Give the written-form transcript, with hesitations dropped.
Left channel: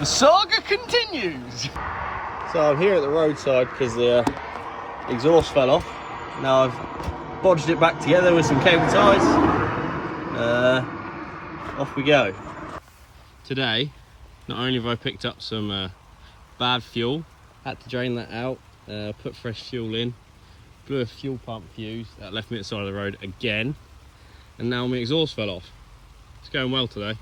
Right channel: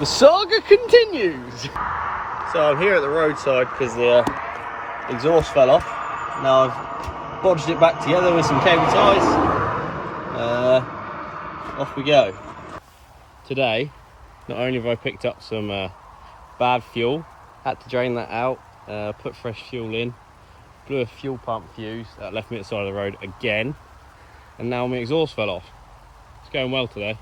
The saga continues. So I'm here at the roadside because the exhaust fell off. Now I've bodged it back together with some cable ties. Off we go. Today, not only have I picked up some bad fuel, had to drain that out, put fresh fuel in, blew a fuel pump fuse that left me at the side of the road again, and now my exhaust fell off. It's going well today.